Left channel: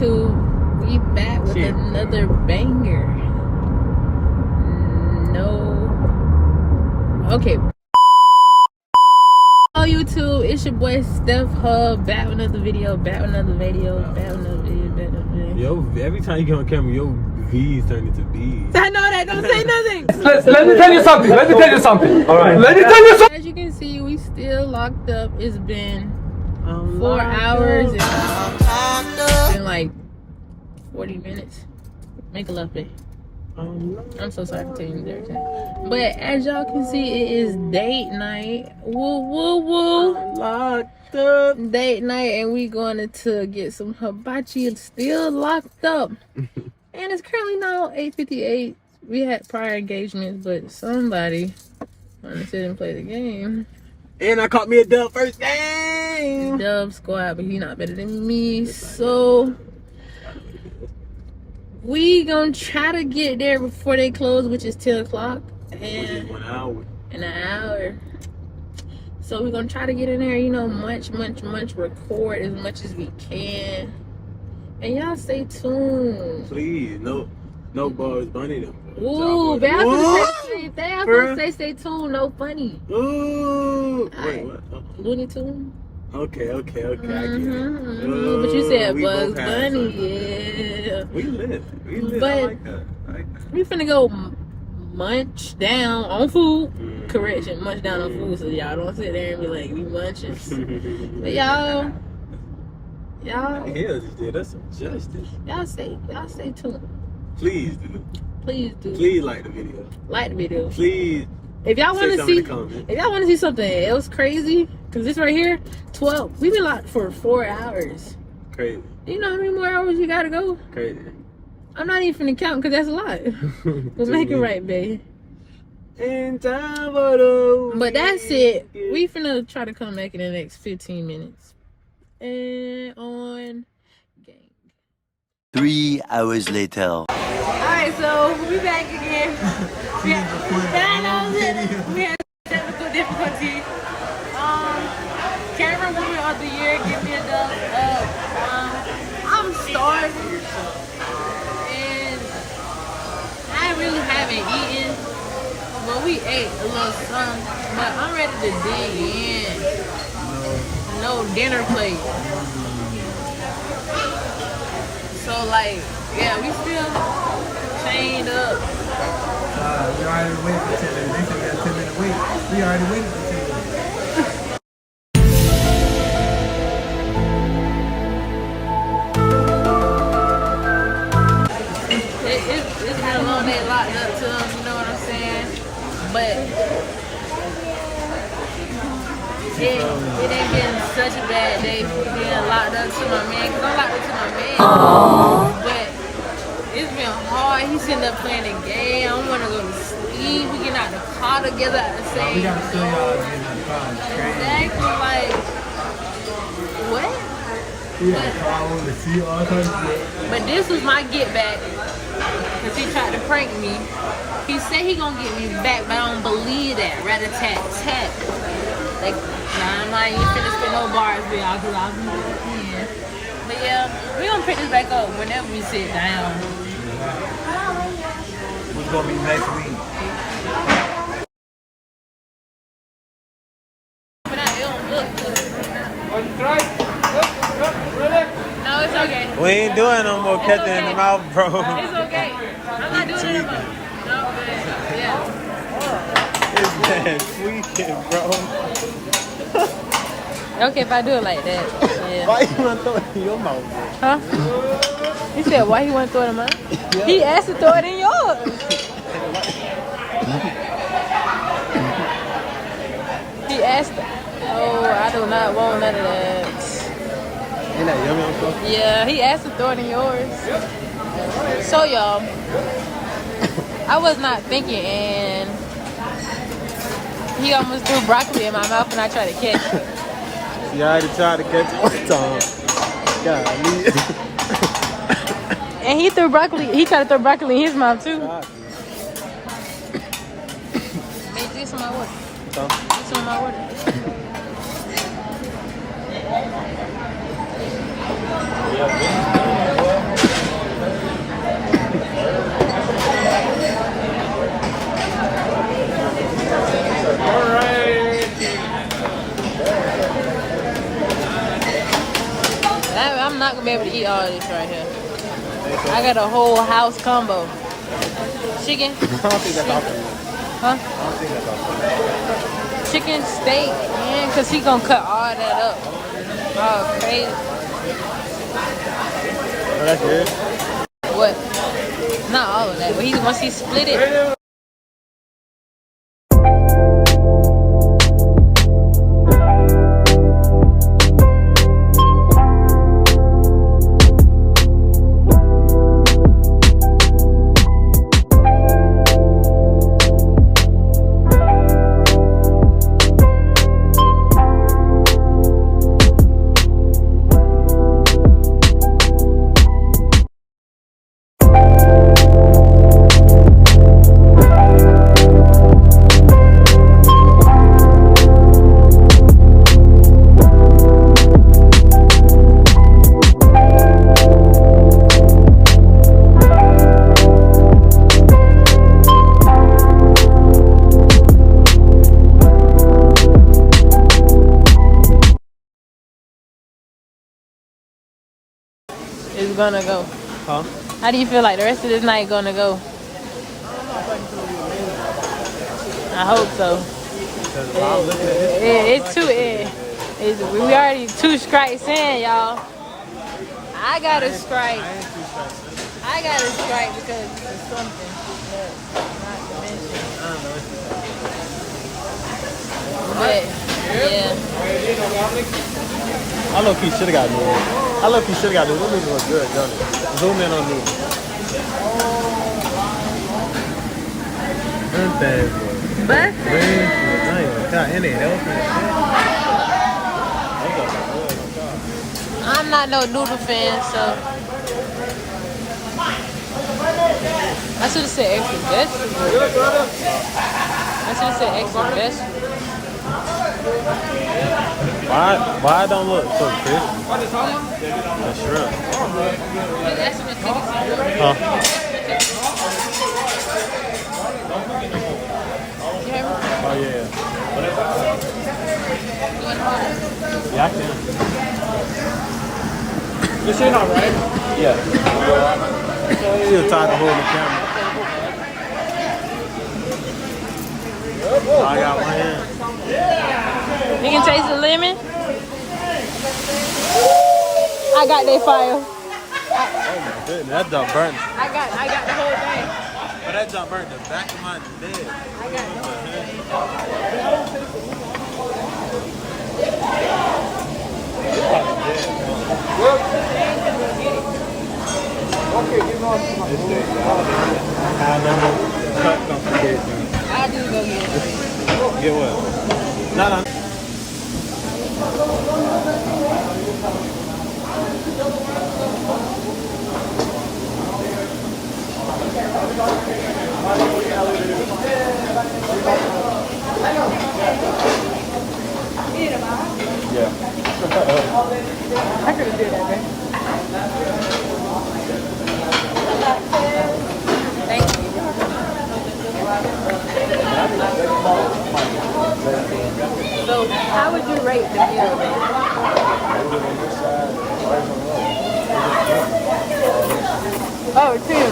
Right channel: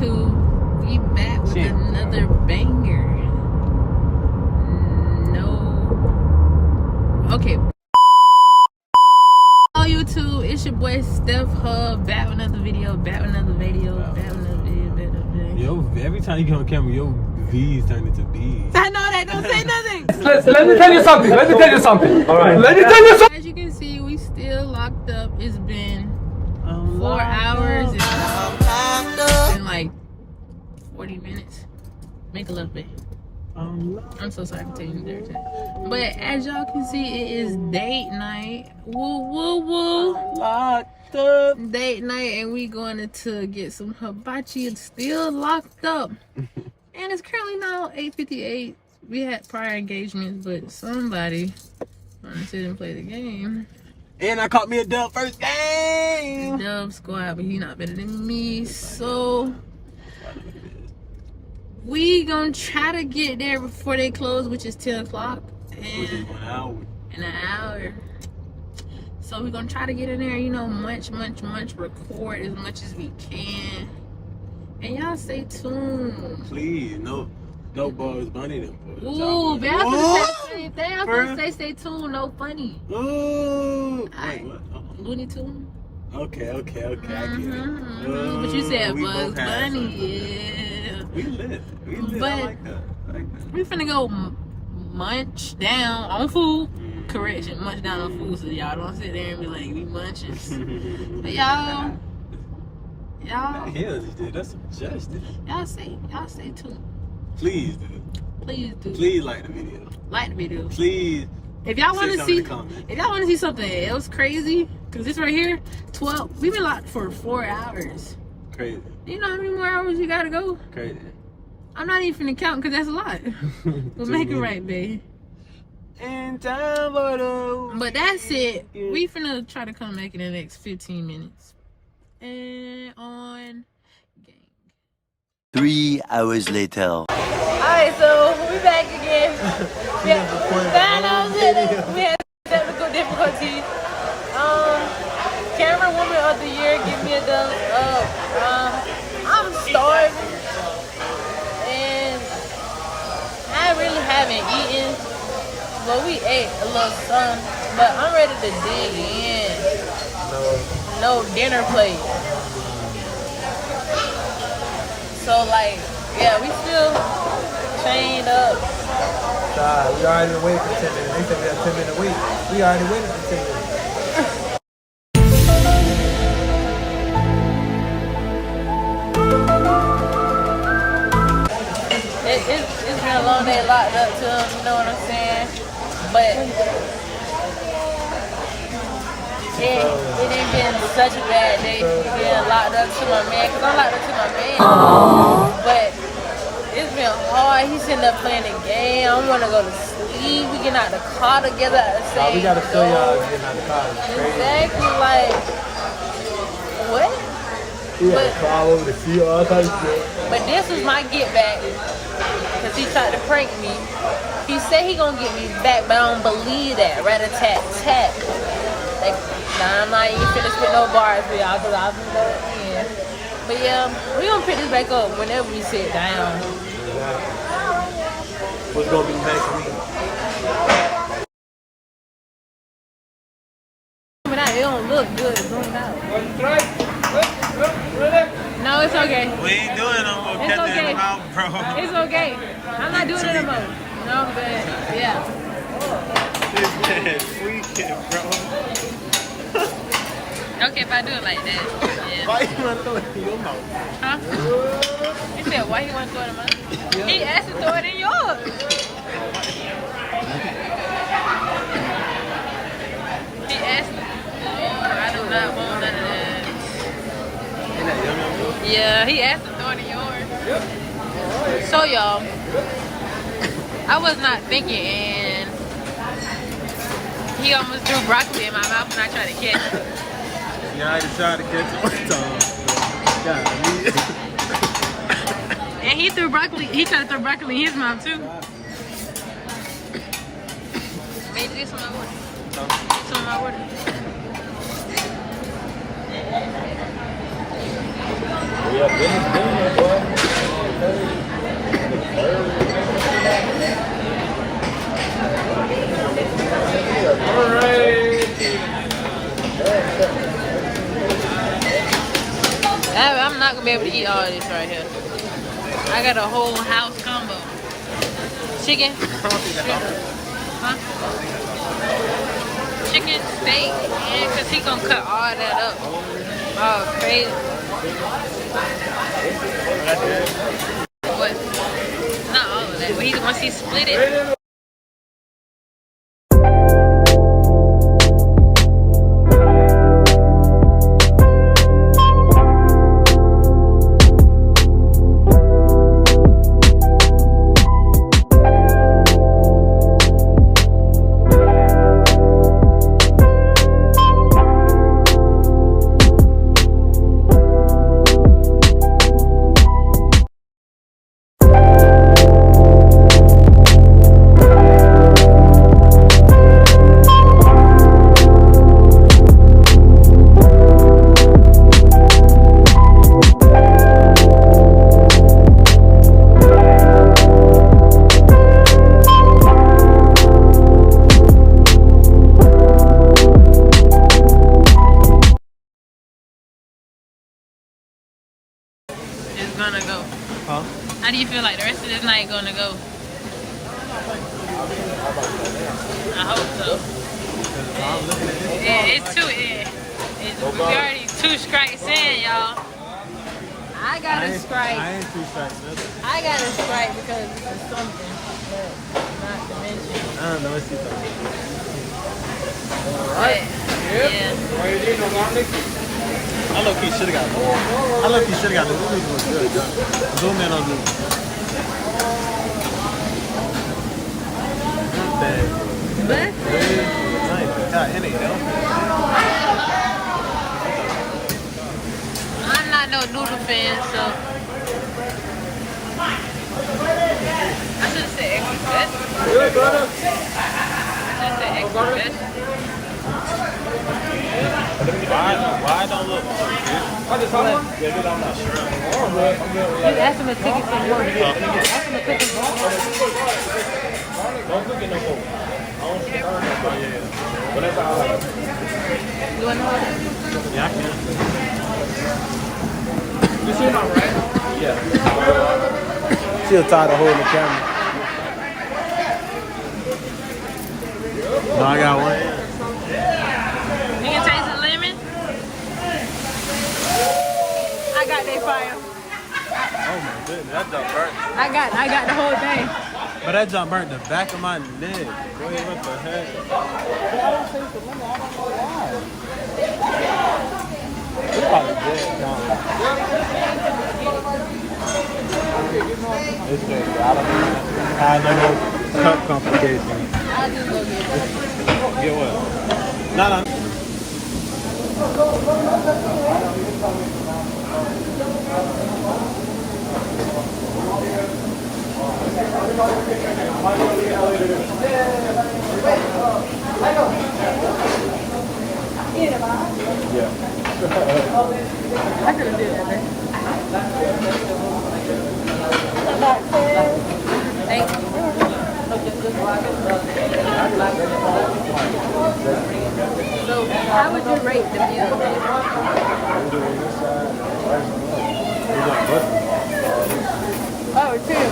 YouTube, we back with another banger. Okay. Hello YouTube, it's your boy Steph Hub, back with another video, back with another video. Yo, every time you get on camera, your V's turn into B's. I know that, don't say nothing. Let me tell you something. Alright. Let me tell you something. As you can see, we still locked up. It's been 4 hours and like 40 minutes. Make a love, babe. I'm so sorry for taking you there. But as y'all can see, it is date night. Woo. Locked up. Date night, and we going to get some hibachi. It's still locked up. And it's currently now 8:58. We had prior engagements, but somebody wanted to sit and play the game. And I caught me a dub first game. Dub squad, but he not better than me. So we gonna try to get there before they close, which is 10 o'clock. And 1 hour. In an hour. So we're gonna try to get in there, you know, munch, record as much as we can. And y'all stay tuned. Please, no bars, bunny them. Ooh, but I was gonna say the same thing. I was gonna say stay tuned, no funny. Ooh. Wait, what? Looney Tunes? Okay, I get it. But you said Bugs Bunny, yeah. We lit. But I like that. we finna go munch down on food. Correction, munch down on food, so y'all don't sit there and be like, we munching. But y'all. Hell, you did. That's some justice. Y'all stay tuned. Please do. Please like the video. Please. If y'all want to see something else crazy, cause this right here, 12. We've been locked for 4 hours. Crazy. You know how many more hours you gotta go? Crazy. I'm not even finna count, cause that's a lot. But make it right, babe. And time for the But that's it. We finna try to come back in the next 15 minutes. And on gang. 3 hours later. Alright, so we back again. We had technical difficulties. Camera Woman of the Year, give me a thumbs up. I'm starving. And I really haven't eaten. Well, we ate a little something, but I'm ready to dig in. No dinner plate. So like, yeah, we still chained up. You already waited for 10 minutes. They said we got 10 minutes wait. We already waited for 10 minutes. It's been a long day locked up to them, you know what I'm saying? But it ain't been such a bad day being locked up to my man, because I'm locked up to my man. But it's been hard. He's sitting there playing the game. I don't want to go to sleep. We get out the car together at the same time. Exactly, like, what? But this was my get back, because he tried to prank me. He said he gonna get me back, but I don't believe that. Rat-a-tat-tat. Like, nah, I'm not even finna spit no bars for y'all, because I'll be know it in. But yeah, we gonna pick this back up whenever we sit down. What's gonna be next week? It don't look good. No, it's okay. We ain't doing no more Captain in the mouth, bro. It's okay. I'm not doing it anymore. No, okay. Yeah. Okay, if I do it like that. Yeah. Why you want to throw it in your mouth? Huh? You said why he want to throw it in mine? Yeah. He asked to throw it in yours. He asked. Oh, I do not want none of that. Yeah, he asked to throw it in yours. So y'all, I was not thinking, and he almost threw broccoli in my mouth and I tried to catch it. You already tried to catch it one time. And he threw broccoli. He tried to throw broccoli in his mouth too. Made this my order. This on my order. Yeah, I'm not gonna be able to eat all of this right here. I got a whole house combo. Chicken. Huh? Chicken, steak, and cause he gonna cut all that up. Oh, crazy. What? Not all of that, but once he split it. Is gonna go. Huh? How do you feel like the rest of this night gonna go? I hope so. It's two. We already 2 strikes in, y'all. I got a strike. I got a strike because it's something, but not to mention. But, yeah. I look, he should have got more. I look, he should have got more. Those noodles was good, done. Zoom in on noodles. But I'm not no noodle fan, so I should have said extra best. I should have said extra best. Why I don't look so good? You asked him to cook it some more. Ask him to cook it some more. You want to hold it? Yeah. Yeah. She'll tired of holding the camera. I got one hand. You can taste the lemon. I got that fire. Oh my goodness, that jump burnt. I got the whole thing. But that jump burnt the back of my bed. What the heck? I don't taste the lemon. I don't know why. It's probably dead now. It's big. I never come for dead thing. I'll just go get it. Get what? No. Thank you. So, how would you rate the meal, man? Oh, 10.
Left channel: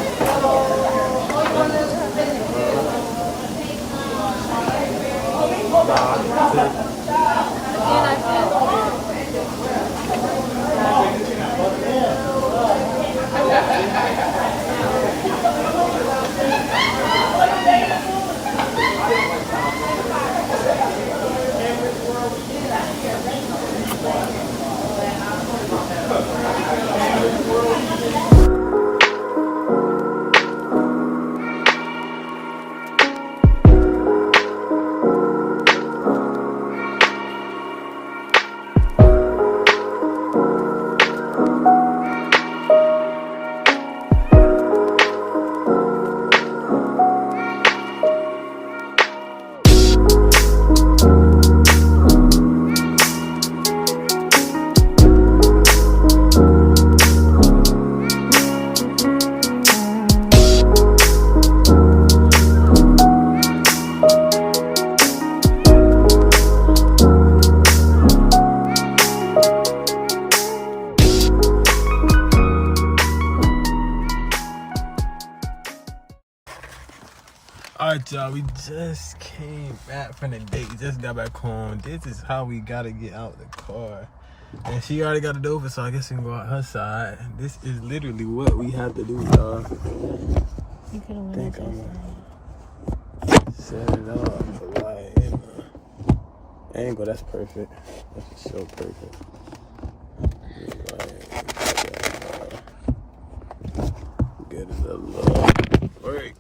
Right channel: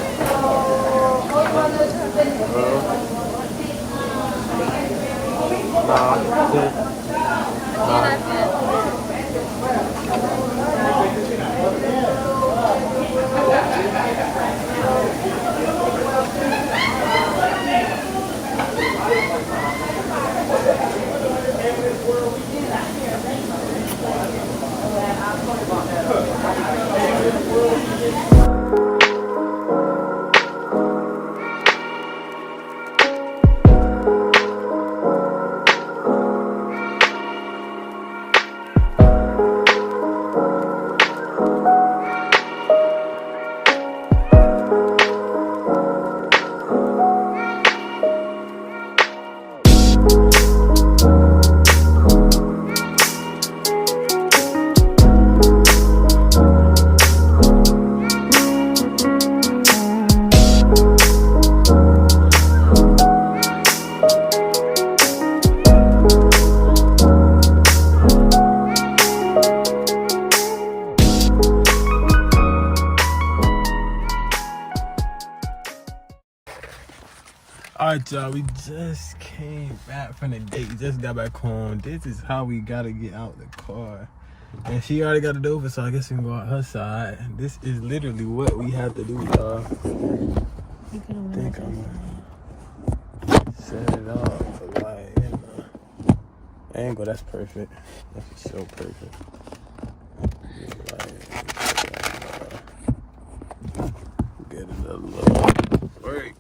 Alright, y'all, we just came back from the date. Just got back home. This is how we gotta get out the car. And she already got it over, so I guess we can go out her side. This is literally what we have to do, y'all. You could have went Think I'm that set it up for like, angle. That's perfect. That's so perfect. Get it a little break.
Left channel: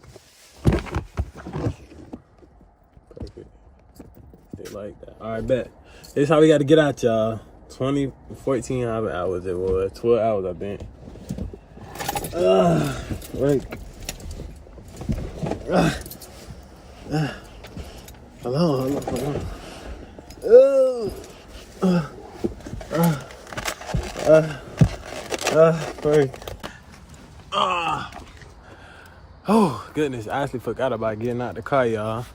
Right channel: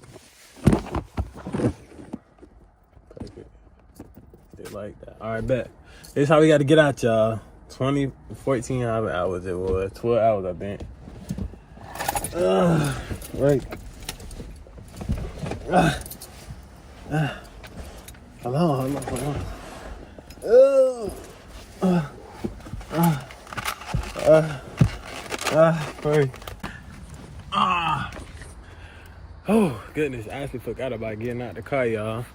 Perfect. They like that. All right, bet. This is how we got to get out, y'all. 14 hours it was. 12 hours, I think. Right. Hello. Sorry. Oh, goodness. I actually forgot about getting out the car, y'all.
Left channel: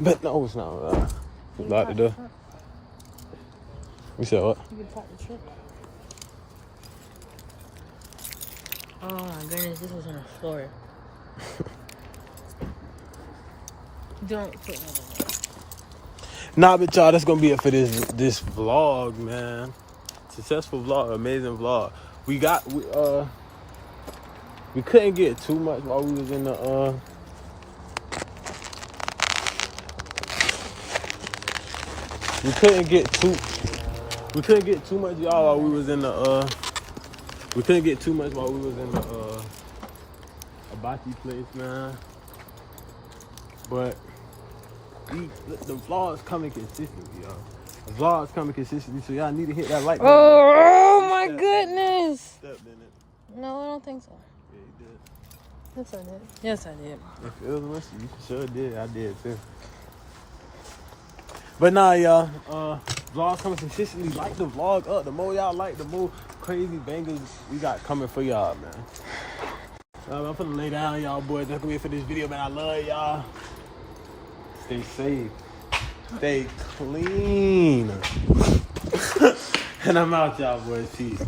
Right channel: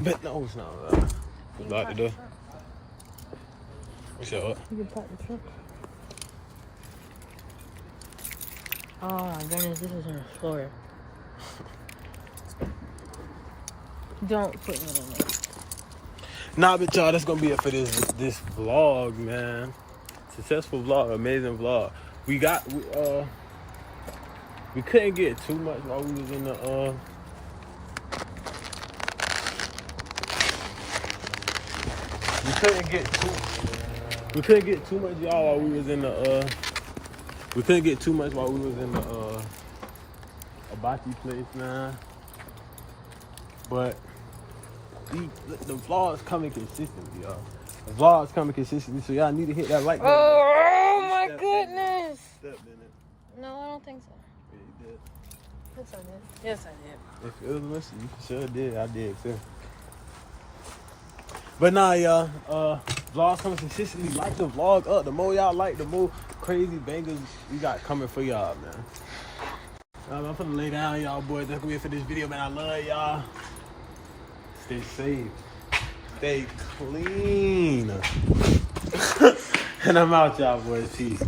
But no, it's not. It's locked the door. You said what? You can park the truck. Oh my goodness, this was on the floor. Don't put me on there. Nah, but y'all, that's gonna be it for this vlog, man. Successful vlog, amazing vlog. We couldn't get too much while we was in the we couldn't get too much, y'all, while we was in the we couldn't get too much while we was in the hibachi place, man. But the vlogs coming consistently, y'all. The vlogs coming consistently, so y'all need to hit that like button. Oh my goodness. Step, didn't it? No, I don't think so. Yeah, you did. Yes, I did. Yes, I did. If it was missing, you sure did. I did too. But nah, y'all. Vlogs coming consistently. Like the vlog up. The more y'all like, the more crazy bangers we got coming for y'all, man. I'm finna lay down, y'all boys. That's gonna be it for this video, man. I love y'all. Stay safe. Stay clean. And I'm out, y'all boys. Peace.